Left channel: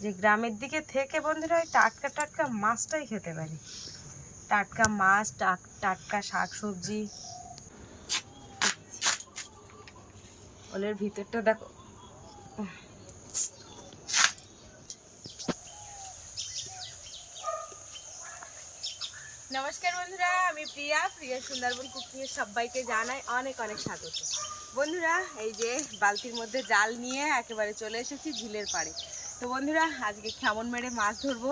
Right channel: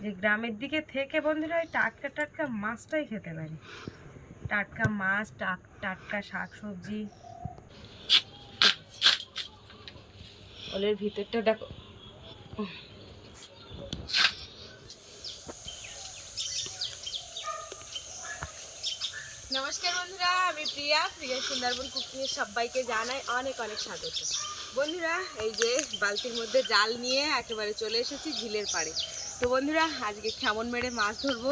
যে গ্রামের দিকে থেকে বন্ধুরা ওই টাটকা টাটকা মাছটাই খেতে পারি। টাটকা মাছ টাক- টাটকা শাক সবজি ওলের ভিতরটা দেখো। নমস্কার বন্ধুরা আমি প্রিয়া। প্রিয়া সুন্দরবন কুকিংয়ে সবাইকে জানাই অনেক অনেক স্বাগত। বন্ধুরা এই যে বালতির মধ্যে জাল নিয়ে একেবারে চলে এসেছি ঝিলের পাড়ে। তো বন্ধুরা, আজকে কেমন মেরে মাছ ধরবো?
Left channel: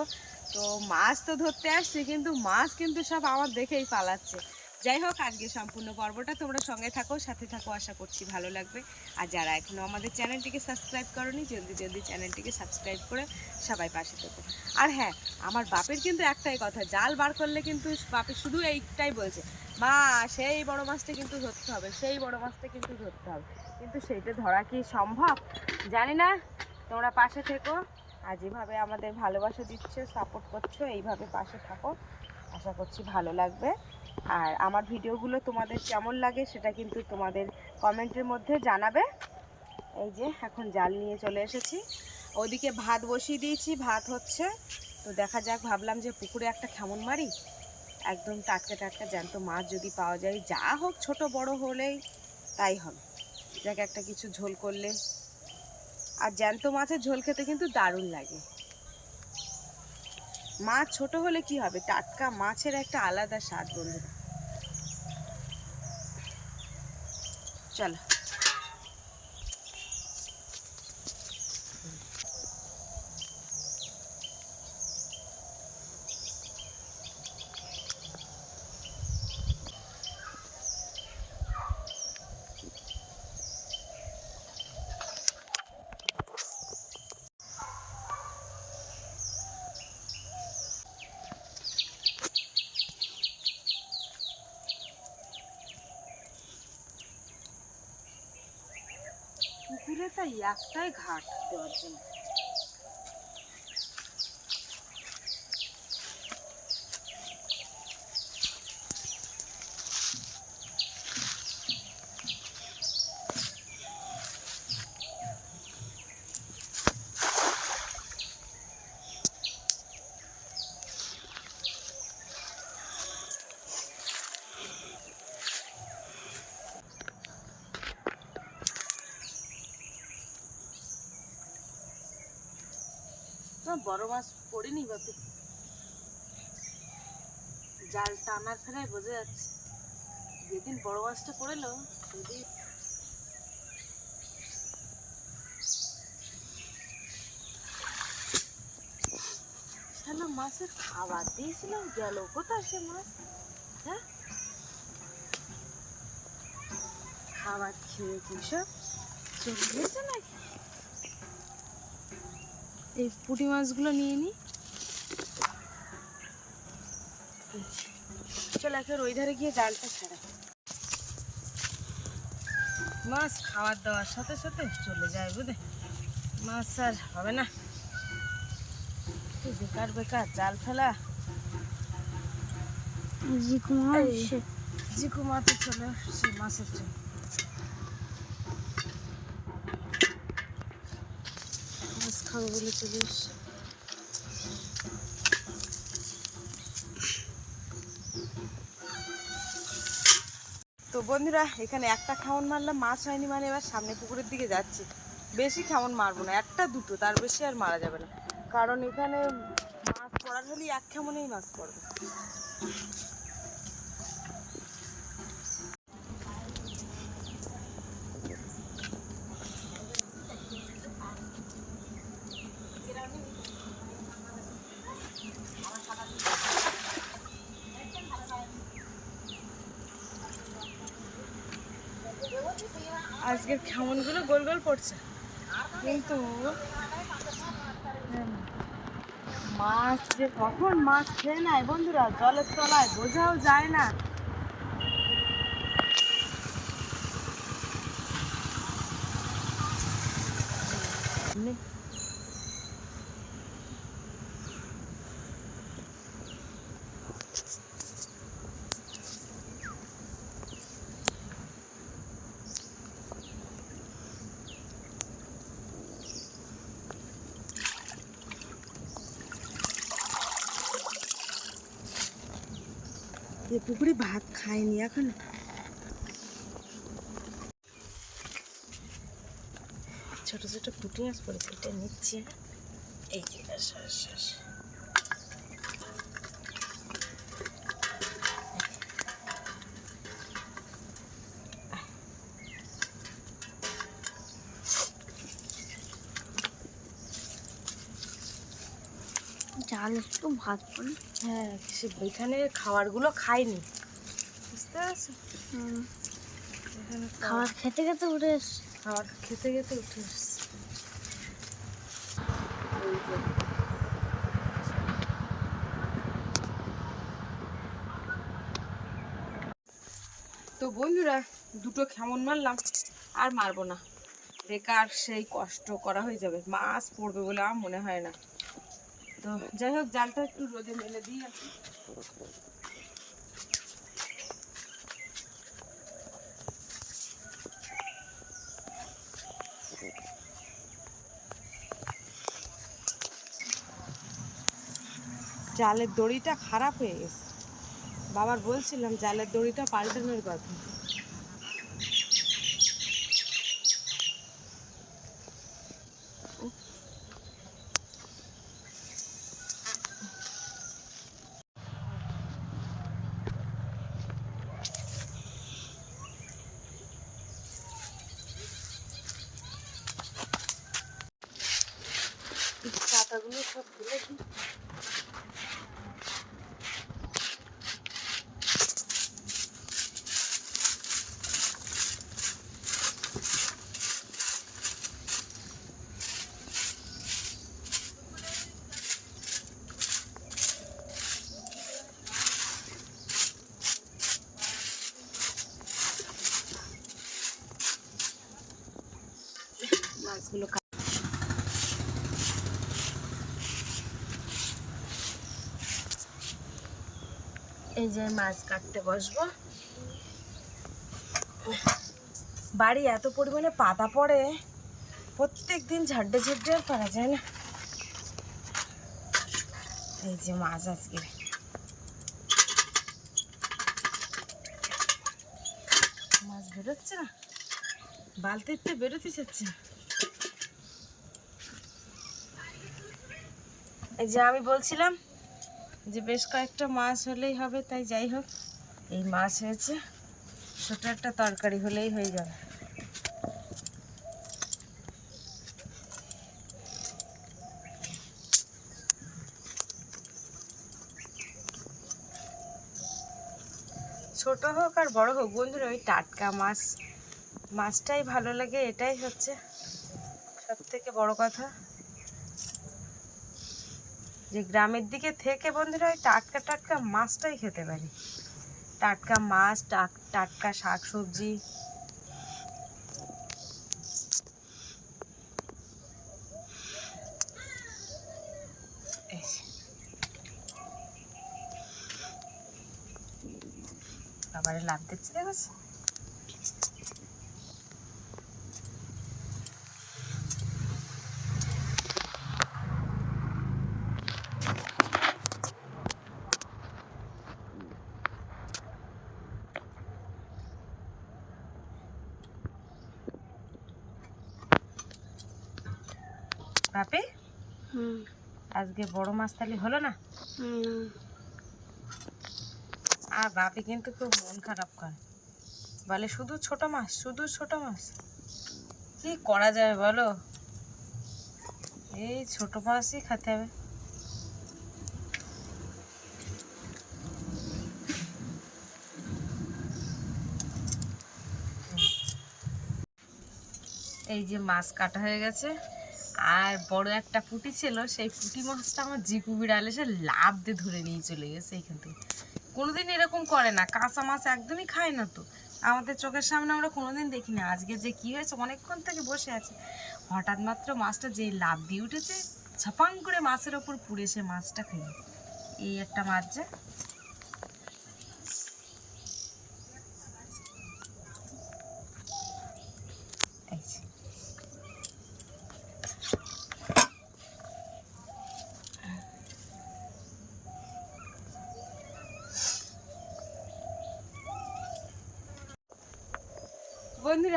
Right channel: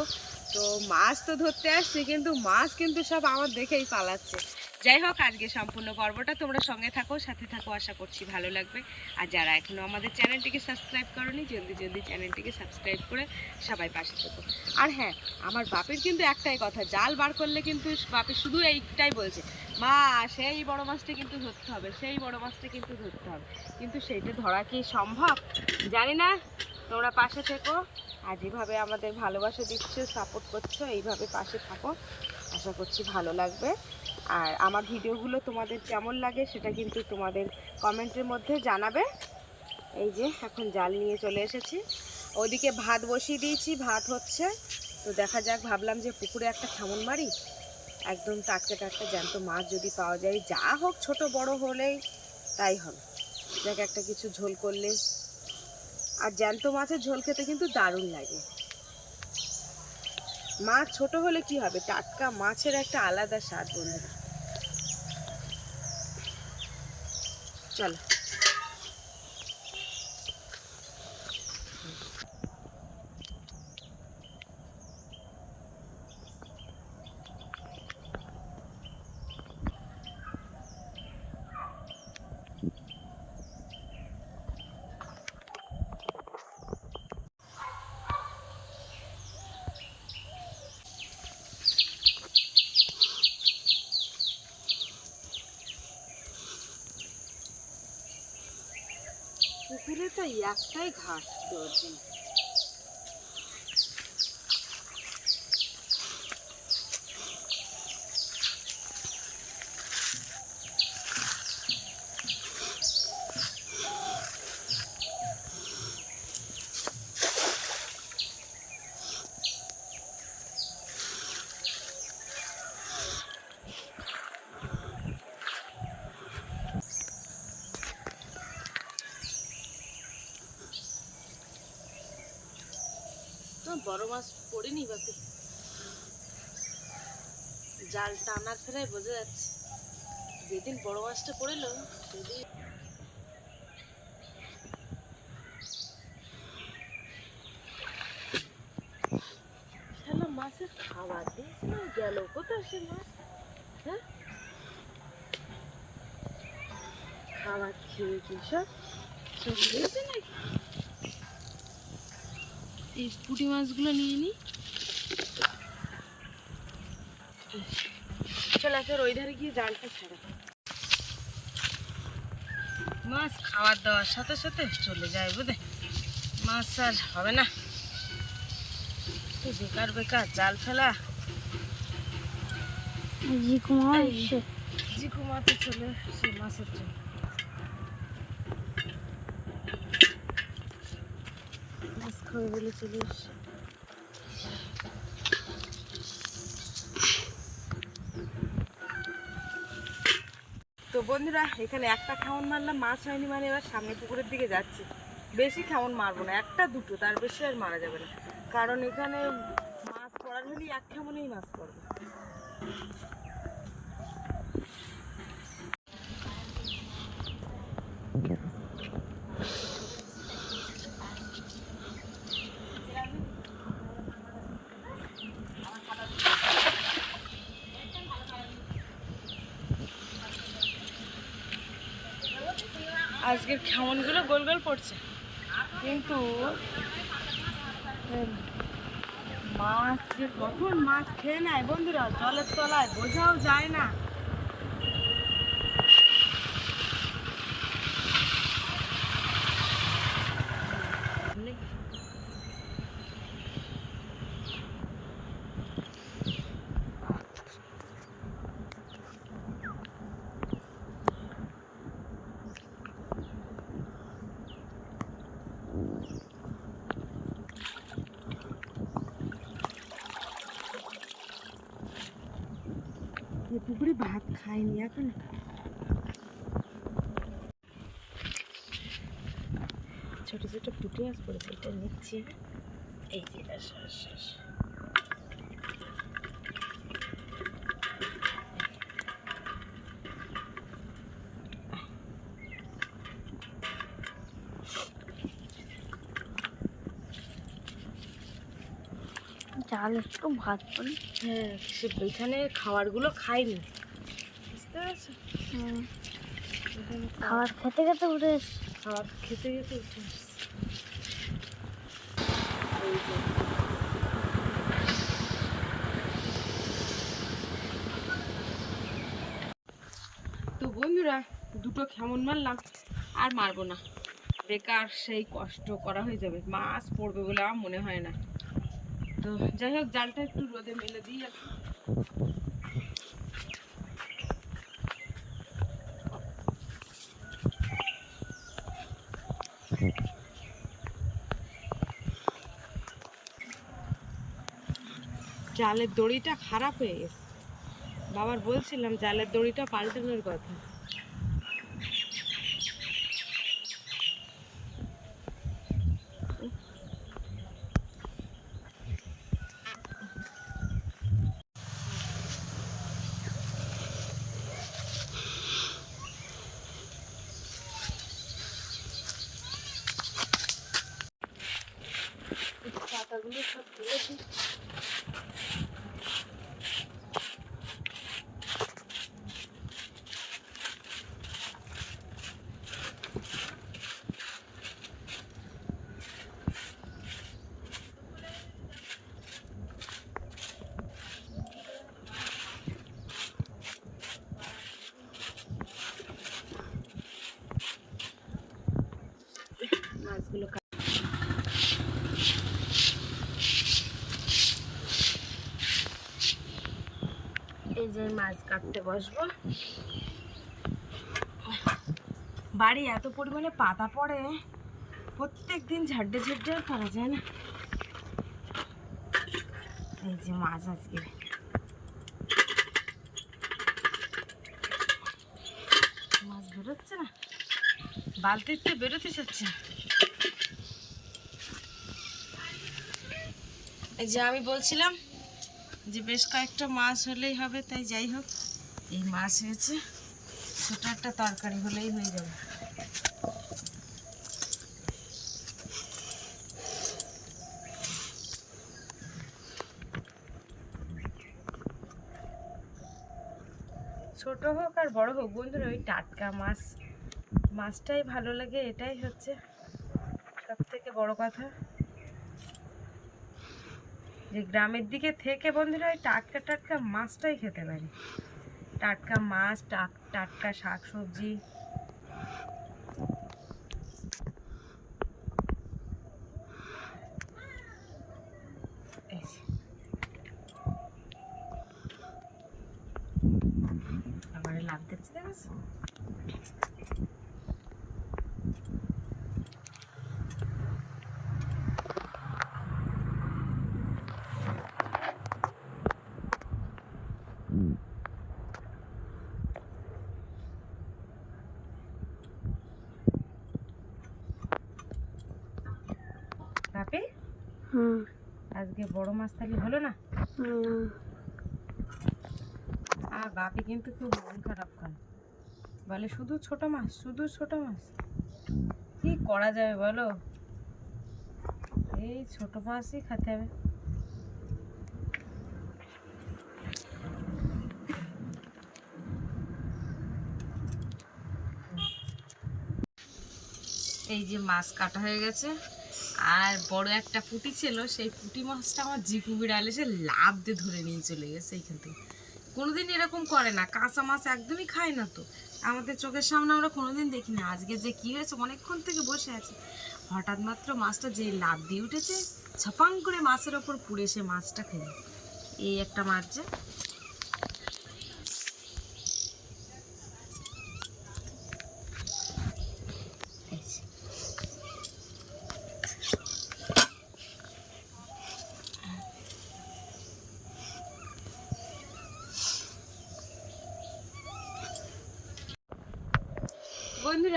তো মাছ তো ধরতে আসছি, কিন্তু মাছ কিন্তু সব আমার দেখেই পালাচ্ছে। যাই হোক, আজকে সম্পূর্ণ পর্বটা তোমরা সঙ্গে থাকো, সাথে থাকো, আশা করছি ভালো লাগবে। আর যারা এখনও আমাদের চ্যানেলটিকে সাবস্ক্রাইব করনি, জলদি জলদি চ্যানেলটিকে সাবস্ক্রাইব করে সবাই পাশে থেকো। আর হ্যাঁ আমার বাপের কিন্তু একটাই কথা, জাল বার করলে কিন্তু বাপের শুধু এইটাই বলছে, মা, সেই বড় মাছটা কিন্তু ধরতে হবে, সেই বড় মাছটা কিন্তু ধরতে হবে। কিন্তু সেইটা ধরা কি সম্ভব? জানি না। তোমরা পাশে থেকো। আর যেভাবে আমাদের ভালোবাসা দিচ্ছ সাপোর্ট করছ, এইভাবে পাশে থাকো। আশা করছি ভালো লাগবে। আর আমার ভিডিওগুলো তোমাদের কেমন লাগে সেটা কিন্তু তোমাদের কমেন্টের মধ্যে জানাবে। এই যে, এখন জাল নিয়ে চলে এসেছি। ওদিকে ভাত বসিয়ে দিয়েছি, ভাত হচ্ছে। তো দেখা যাক, ভাবলাম যে পুকুরে একটা খামন মারি। একদম টাটকা টাটকা জ্যান্ত মাছ যদি পাওয়া যায়। যা হোক, ছোট বড় হলেই তাই হবে। দেখ একটা কিছু ঝোল করলে আর জ্যান্ত মাছের ঝোল খেতে কিন্তু দারুণ লাগে। মাছ ছোট হলে কি হবে? টাটকা মাছের একটা আলাদা স্বাদ বন্ধুরা। চলো। পুকুরে একটাই ঘাট দেওয়ার বড় মাছ পড়েনি বাপি জাল টানার ফেরাই বোঝা যাচ্ছে। যেদিন বড় মাছটা পড়েলো, সেদিন মাছের খাবার দিয়েছিলাম গেল কোথায় সে মাছ? হ্যাঁ? খাবার খেয়ে কি সব চলে গেছে নাকি? এই পুঁটি মাছগুলো নিয়ে নিই। চল একের ওই ধারে গিয়ে জালটা ছাড়া। মাছ খাওয়ার দাওয়ার সাথে সাথে চলে যায় বুঝে মাছ আর হবে না। তো বেকার বেকার জাল ফেলা। জিকুমা এই। জিকু মাছে চলে আসছে মাছের জন্য। চলে তো বন্ধুরা, এখানে একটা খেমন মারলাম, মাছ হয়নি মানে এবার সামনে পুকুরের দিকে যাচ্ছি। বেশি খেমন মারবো না, একটা দুটো, তার বেশি আর মারা যাবে না। কারণ এখানে মাছ পড়ার হলেই এক খেমনেই মাছ পড়বে। আজকের খেমনগুলো গোল গোল পড়ছে। কিন্তু মাছ যে কখন মাছ খেয়ে নেয় বন্ধুরা, জলের তলায়, বোঝাও যায় না। পুকুরে ভাত খায়নি এখন ছোট ছোট পুটি মাছ পড়েছে এটা নিচ্ছি? এই যে জাল একটু ভাত পড়ি হ্যাঁ সে এখানে খাবারগুলো খাইনি। বুঝতে পারছ? খাবার খেতে খেতে উঠে এসছে। খাবার খেতে খেতে উঠে এসছে। তো বন্ধুরা দুটো কেমন মারলাম আর মারবো না। বেকার সেই কষ্ট করা হয়ে যাবে মাছ পড়বে বলে আমার মনে হয় না। তো যাই হোক, জালটা একটু রোদে মেলে দিই। জালের দড়িটা খারাপ হয়ে গেছে বাবার বলছিলাম, জালের দড়িটা পাল্টানোর কথা পাতাগুলো সব তুলে দিই মাছগুলো কা- এই যে মাছ কাটতে বসবো। বাড়ি এত পরিমাণে পাতা পড়ে প্রত্যেক দিন ঝাড্ডে ঝাড্ডে আর করা যায় না। এই যে মাছ আজকে। মাছ বেরোচ্ছে না? বালতিতে বেরোতে চাচ্ছে এই যে আমি বলছিলাম যে বেশ কয়েকটা মাছ হলেই হবে, তাই যাই হোক, এই মাছ হয়েছে। ছোট একটা তরকারি হলেই হয়ে যাবে। ছোট হোক আর বড় হোক, বন্ধুরা, ওই টাটকা মাছ, মাছটাই ভালো লাগে, এটাই হচ্ছে সব থেকে বড় কথা। যে গ্রামের দিকে থেকে বন্ধুরা ওই টাটকা টাটকা মাছটাই খেতে পারি। টাটকা মাছ টাক- টাটকা শাক সবজি। আবার লাভ দেখছ? বাপে আজকে বড় মাছ তাহলে হলো না? আর বাপি কিন্তু খুব মন খারাপ করে। বলে শুধু ছোট মাছ শুধু ছোট মাছ। কি করা যাবে বলো? এই ছোট মাছই খেতে হবে। এই যে মাছ কাটা হয়ে গেছে। আর বড় একটা পুঁটি ছিল, সেই পুঁটি মাছটা আমার জিপু বিড়াল এসে লাভ দিয়ে ধরে নিয়ে চলে গেছে এখান থেকে। কোনোদিন এরকম করে না, কাঁচা মাছ একদমই খায় না তো। আমাদের চোখের সামনে আমরা কোনোদিন দেখি না আজকে যে কি হয়েছে, অনেকক্ষণ থেকে বসে আছে। হঠাৎ মাত্র মাছটা যেই লাভ দিয়ে উঠেছে, ছপাং করে মাছের ওপর পুড়ে সে মাছটা খেয়ে এই একটা মাছ যে এই যে।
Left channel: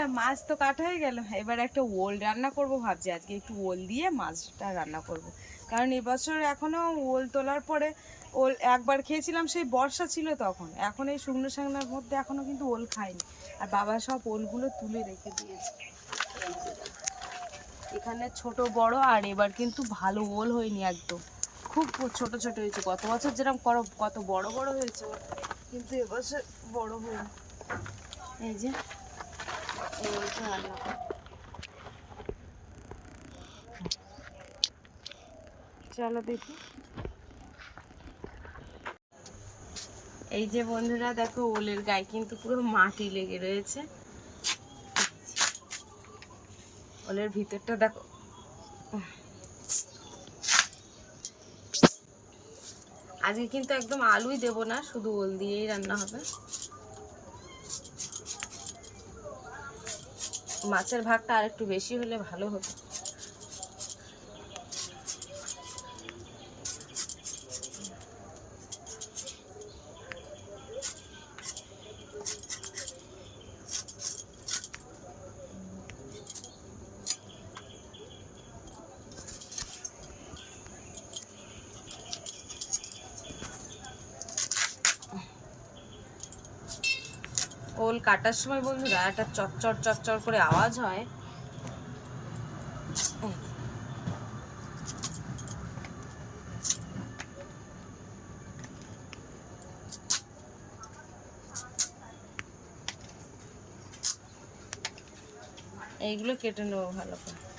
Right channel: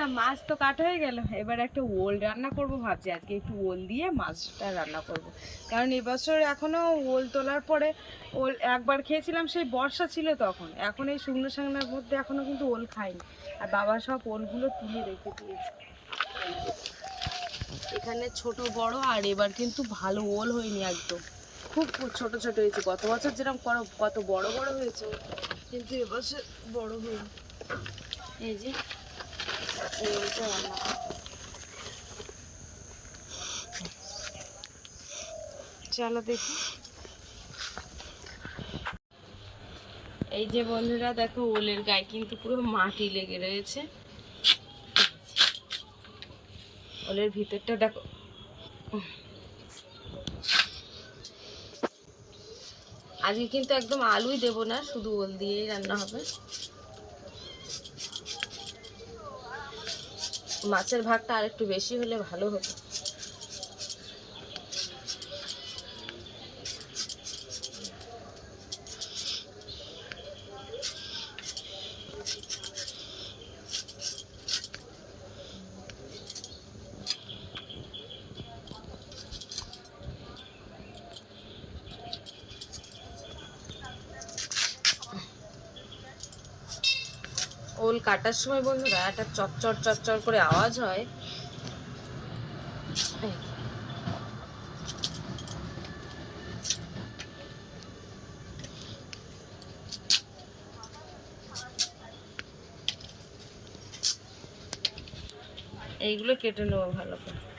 বন্ধুরা মাছ তো কাটা হয়ে গেল। এবার একটা ওল রান্না করব ভাবছি। আজকে একটু ওল দিয়ে মাছটা রান্না করব। কারণ এবছর এখনও ওল তোলার পরে ওল একবার খেয়েছিলাম, সেই বর্ষা ছিল তখন। এখন এই শুকনো শাকনার মধ্যে এখনও কিন্তু ওল খাইনি। আর বাবা সব ওলগুলো তুলে রেখে দিয়েছে। এখানে ছোট, বড় আর এবার কিন্তু ভালো ওল হয়নি একদম। খুব ছোট ছোট হয়েছে। গত বছর যেরকম কত বড় বড় হয়েছে, কিন্তু এবছর বড় হয়নি। এই যে এই। চলো দেখি। এই যে বন্ধুরা, দেখো ওলের গায়ে কিন্তু পুরো মাটি লেগে রয়েছে। ওলের ভিতরটা দেখো। আজকে কিন্তু একদম আলুই দেব না, শুধু ওল দিয়েই রান্না হবে। মাছের ভাগটা আর একটু বেশি হলে ভালো হতো। ওল কাটার সময় বন্ধুরা একটা চচ্চর চচ্চর করে আওয়াজ হয়। এইগুলো কেটে নেব ভালো করে।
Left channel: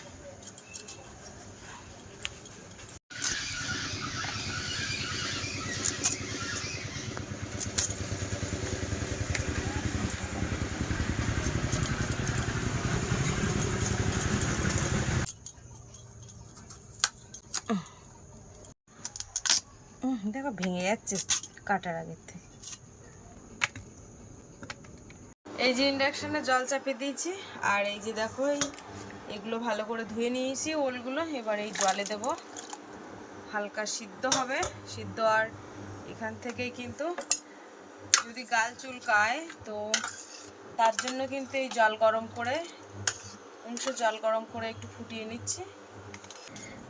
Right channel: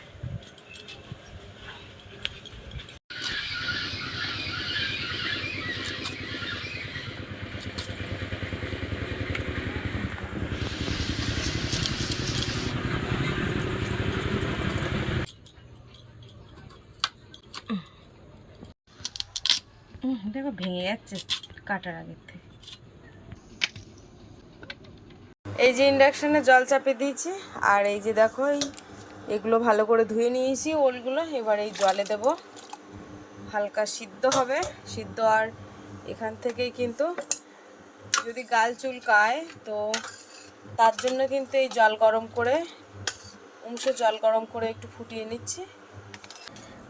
দেখো ভেঙে যাচ্ছে কাটার আগের থেকে। এই যে ইন্ডাকশনে জল চাপে দিয়েছি, আর এই যে দেখো এগুলো ভালো করে ধুয়ে নিয়েছি ওলগুলো। এবার এই জলে দেব। হালকা সিদ্ধ হবে। সিদ্ধ আর এখান থেকেই কিন্তু যদি গাল চুল চুলকায়, তো তার জন্য কিন্তু এই জল গরম করে অংশ জল গরম করে একটু ফুটিয়ে নিচ্ছি।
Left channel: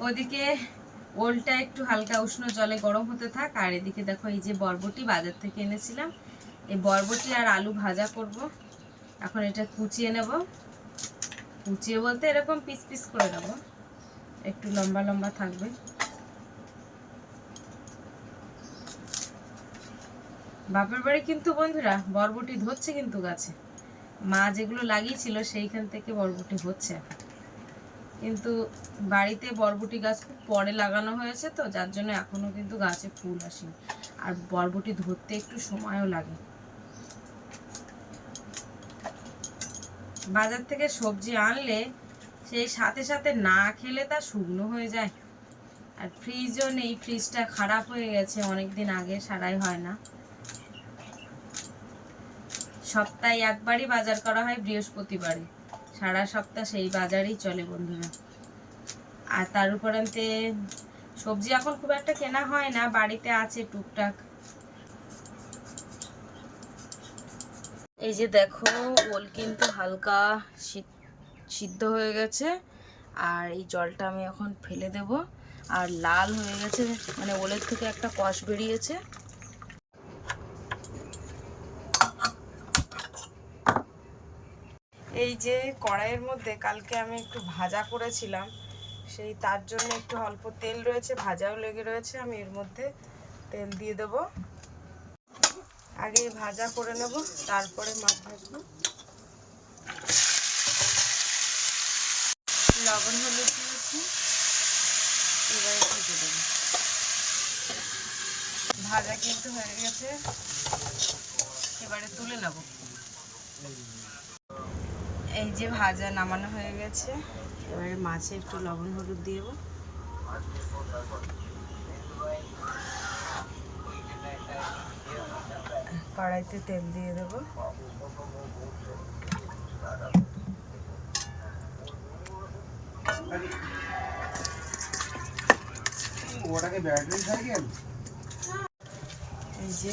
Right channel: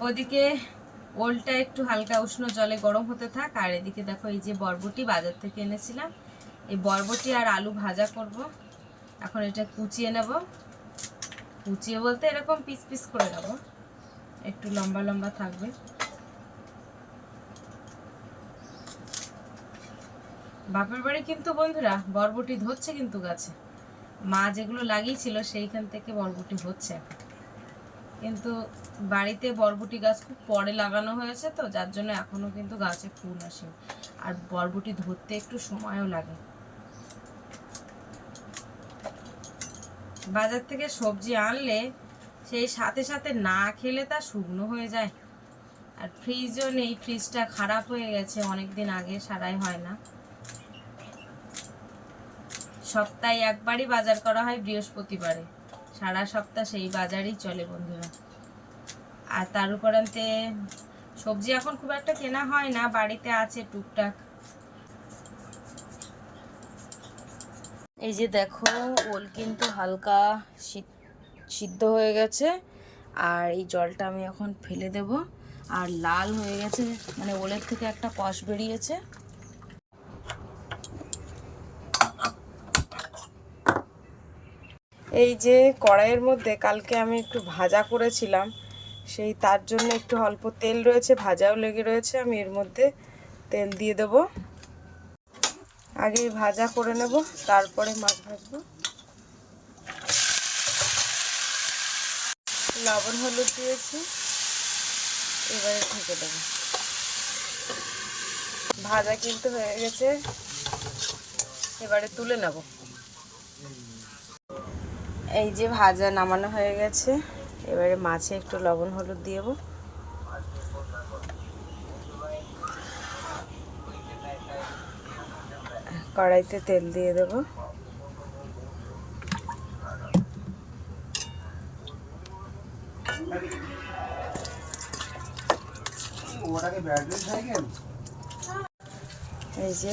ওদিকে ওলটা একটু হালকা উষ্ণ জলে গরম হতে থাক, আর এদিকে দেখো এই যে বরবটি বাজার থেকে এনেছিলাম। এই বরবটি আর আলু ভাজা করব। এখন এটা কুচিয়ে নেব। কুচিয়ে বলতে এরকম পিস পিস করে নেব। একটু লম্বা লম্বা থাকবে। বাপের বাড়ি কিন্তু বন্ধুরা, বরবটি ধরছে কিন্তু গাছে। মা যেগুলো লাগিয়েছিল সেইখান থেকে বরবটি হচ্ছে এখন। কিন্তু বাড়িতে বরবটি গাছ খুব পরে লাগানো হয়েছে তো, যার জন্য এখনও কিন্তু গাছে ফুল আসেনি। আর বরবটি ধরতে একটু সময়ও লাগে। বাজার থেকে সবজি আনলে সেই সাথে সাথে না খেলে তা শুকনো হয়ে যায়। আর ফ্রিজও নেই, ফ্রিজটা খারাপ হয়ে গেছে অনেক দিন আগে সারাই হয় না। সপ্তাহে একবারই বাজার করা হয় বৃহস্পতিবারে। সারা সপ্তাহ সেই বাজারেই চলে বন্ধুরা। আর তার উপরান্তে সবজি এখন খুব একটা কেনা হয় না, বাড়িতে আছে টুকটাক। এই যে দেখো, ওল কিন্তু হালকা সিদ- সিদ্ধ হয়ে গেছে, আর এই জলটা আমি এখন ফেলে দেব। আর লাল হয়ে গেছে মানে ওলের থেকে একটা কষ বেরিয়েছে। এই যে কড়াইয়ের মধ্যে কালকে আমি একটু ভাজা করেছিলাম, সেই তার জন্য একটু অল্প তেল রয়েছে, ভাজাও লেগে রয়েছে, আমি এর মধ্যে তেল দিয়ে দেব। আগে ভাজা করে নেব, তারপরে মাছ ভাজবো। লবণ হলুদ দিয়েছি, এবারে ঢেকে দেবো। ভাজা কিন্তু হয়ে গেছে, এবারে তুলে নেব। এই যে ভাজা নামানো হয়ে গেছে। এবারে মাছে একটু লবণ হলুদ দেবো। কড়াইতে তেল দিয়ে দেবো। এই যে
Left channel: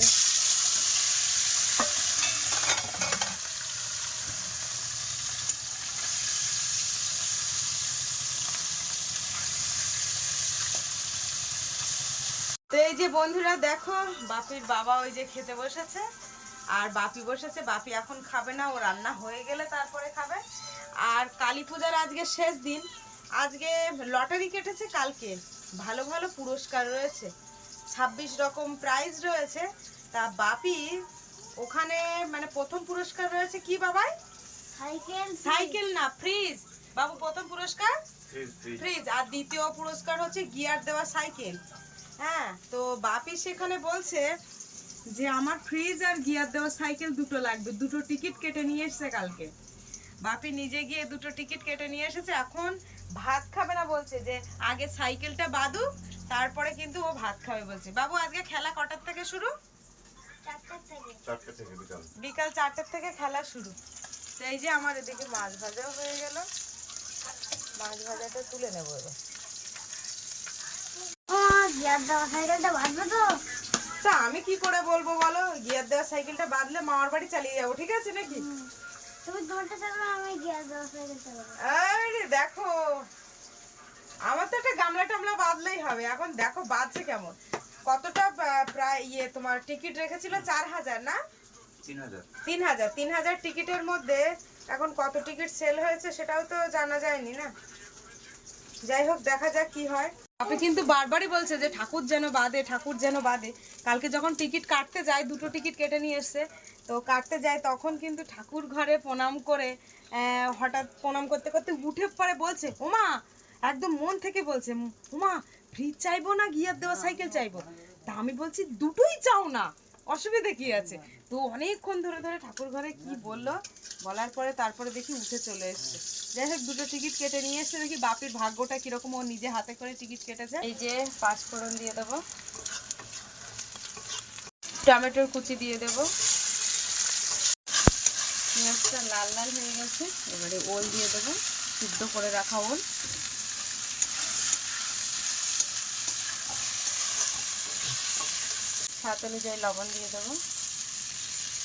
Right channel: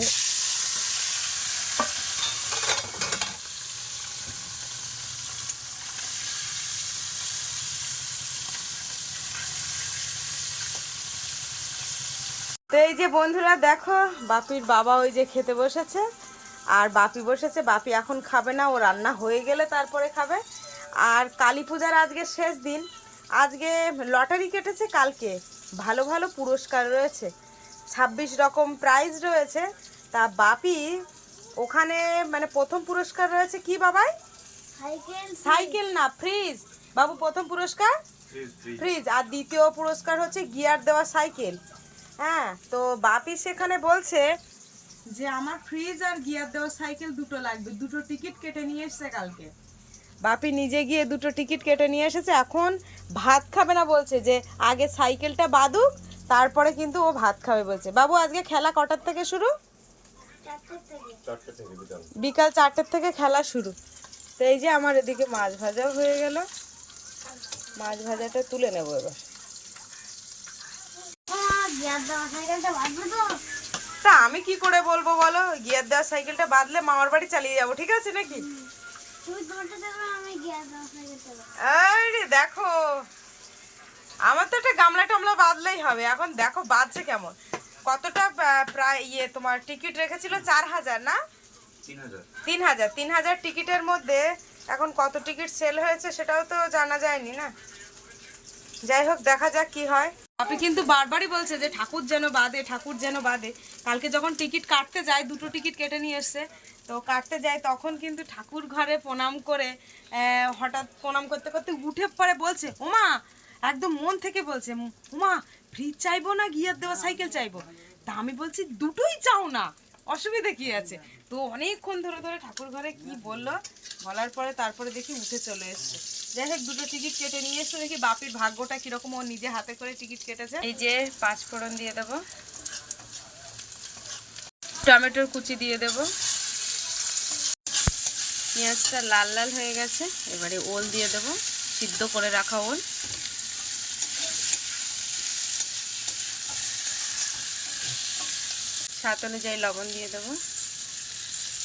তো এই যে বন্ধুরা দেখো বাপির বাবা ওই যে খেতে বসেছে। আর বাপি বসেছে বাপি এখন খাবে না ও রান্না হয়ে গেলে তারপরে খাবে। আর কালী পূজার আজকে শেষ দিন। আজকে লটারি কেটেছে কালকে। ভালো ভালো পুরস্কার রয়েছে। ছাব্বিশ রকম প্রাইজ রয়েছে। তা বাপি ওখানে মানে প্রথম পুরস্কার রয়েছে কি বাবাই? সাইকেল সাইকেল না ফ্রিজ। বাবু প্রথম পুরস্কার? ফ্রিজ। আর দ্বিতীয় পুরস্কার হচ্ছে গিয়ার দেওয়া সাইকেল। হ্যাঁ তো বাপি সেখানে বলছে যে আমার ফ্রিজ আর গিয়ার দেওয়া সাইকেল দুটো লাগবে দুটো টিকিট কেটে নিয়ে এসেছে কালকে। বাপি নিজে গিয়ে দুটো টিকিট কেটে নিয়ে এসেছে এখন ভাত খাবে না বলছে যে আগে সাইকেলটা বাদুক তারপরে কিন্তু ও ভাত খাবে বলছে। বাবু আজকে খেলা কটার থেকে শুরু? বিকাল চারটের থেকে খেলা শুরু। তো এই যে আমার এদিকে মাছ ভাজাও হয়ে গেল। মাছ ভাজাটা তুলে নেব এবার গিয়ার দেওয়া সাইকেলটা বাঁধবে তো তা আমি কি করে বলব বলো? গিয়ার দেওয়া সাইকেলটা বাদলে মামার বাড়ি চালিয়ে যাব ঠিক আছে নাকি? আরে দেখো আমার তো একটা গামলা টামলা বাদলেই হবে এখন দেখো বাজছে কেমন। কতটা প্রায় ইয়ে তোমার টিকিট রেখেছিল? চার হাজার না? তিন হাজার তিন হাজার টিকিটের মধ্যে এখন কত টিকিট সেল হয়েছে সেটাও তো জানা যায়নি না? যাই হোক দেখা যাক কি হয়। আপনি কিন্তু বারবারই বলছে যে ঠাকুর যেন বাদে, ঠাকুর যেন বাদে। কালকে যখন টিকিট কাটতে যায়, দুটো টিকিট কেটে নিয়ে এসছে, তো কাটতে যায়, তখন কিন্তু ঠাকুর ঘরে প্রণাম করে হঠাৎ প্রণাম করতে করতে উঠে পরে বলছে ওমা একদম মন থেকে বলছে ওমা ফ্রিজ চাইব না, গিয়ার দেওয়া সাইকেল চাইব? তা আমি বলছি, দুটোই চাও না। অসুবিধা কি আছে? তো অনেকক্ষণ ধরে ধরে ঠাকুর ঘরে কি বলল? বলার পরে তারপরে দেখি উঠে চলে এসছে। যাই হোক দুটো টিকিট কেটে নিয়ে এসছে। দেখি বাপির ভাগ্যটা কীরকম ও নিজে হাতে করে টিকিট কেটেছে। এই যে পাঁচ ফোড়ন দিয়ে দেবো। টমেটোর কুচি দিয়ে দেব। পেঁয়াজটা লাল লাল হয়ে গেছে। এবারে ওল দিয়ে দেব। সিদ্ধ করে রাখা ওল। স্বাদ অনুযায়ী লবণ দিয়ে দেবো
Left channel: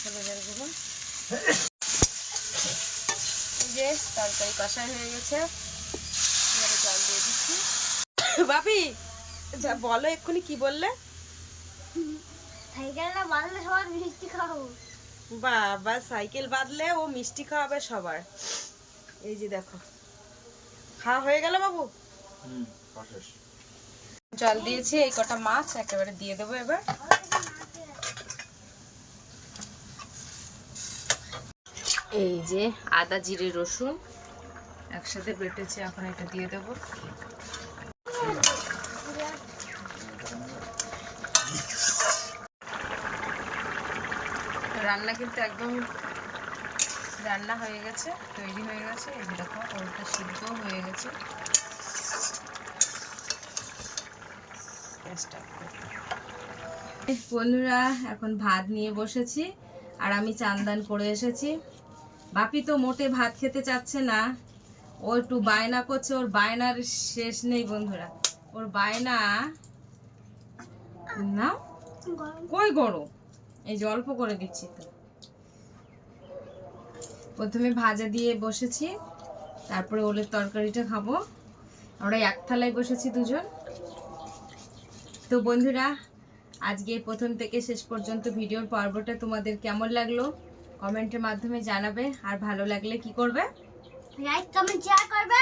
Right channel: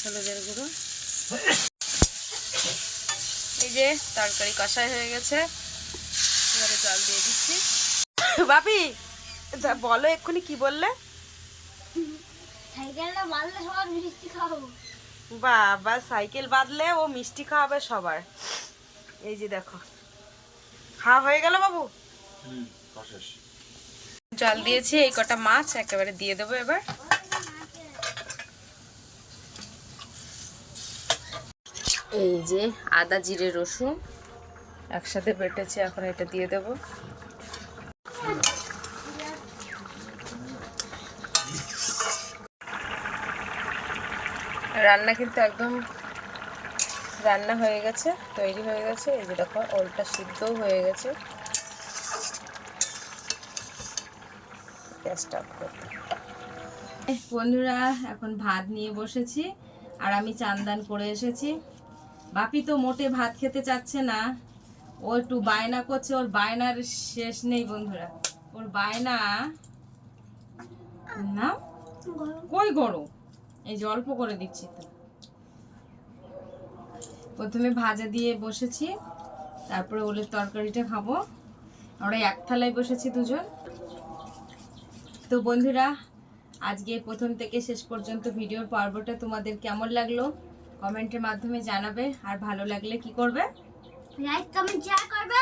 হলুদের গুঁড়ো। এই যে তরকারি কষাই হয়ে গেছে এবারে জল দিয়ে দিচ্ছি। বাপি বলো এক্ষুনি কি বললে? সাইকেলটা বাঁধলে সবার মিষ্টি খাব। বাবা সাইকেল বাদলে ও মিষ্টি খাওয়াবে সবার। এই যে দেখো খাওয়া হয়ে গেল বাবু? জল দিয়েছি এই কটা মাছ একেবারে দিয়ে দেবো এবার। এই যে আদা, জিরে, রসুন একসাথে বেটেছি, এখন এটা দিয়ে দেবো। রান্না কিন্তু একদম রান্না হয়ে গেছে, তৈরি হয়ে গেছে। এই যে দেখো, ওলটা সিদ্ধও হয়ে গেছে। গ্যাসটা বন্ধুরা, এখন ভাত নিয়ে বসেছি, আর আমি চান্দান করে এসেছি। বাপি তো মোটে ভাত খেতে চাচ্ছে না। ও একটু বায়না করছে, ওর বায়নার শেষ নেই বন্ধুরা। ওর বায়না না কই গরম এই যে অল্প করে দিচ্ছি তো। প্রথমে ভাজা দিয়ে বসেছি, তারপরে ওলের তরকারিটা খাব। আমরা এক থালায় বসেছি দুজন। তো বন্ধুরা, আজকে প্রথম থেকে শেষ পর্যন্ত ভিডিওর পর্বটা তোমাদের কেমন লাগল? কমেন্টের মাধ্যমে জানাবে আর ভালো লাগলে কি করবে? লাইক কমেন্ট শেয়ার করবে।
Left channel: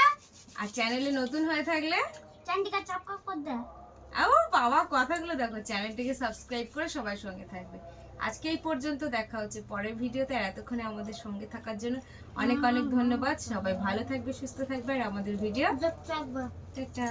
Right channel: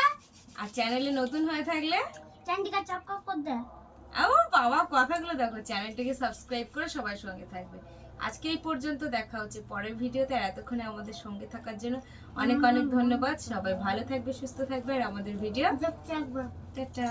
আর চ্যানেলে নতুন হয়ে থাকলে? চ্যানেলটিকে করে দে। আমার বাবা কথাগুলো দেখো চ্যানেলটিকে সাবস্ক্রাইব করে সবাই সঙ্গে থাকবে। আজকে এই পর্যন্ত দেখা হচ্ছে পরের ভিডিওতে আর এতক্ষণে আমাদের সঙ্গে থাকার জন্য অনেক অনেক ধন্যবাদ। সবাই ভালো থাকবে সুস্থ থাকবে আর আমাদের ভিডিও টাটা।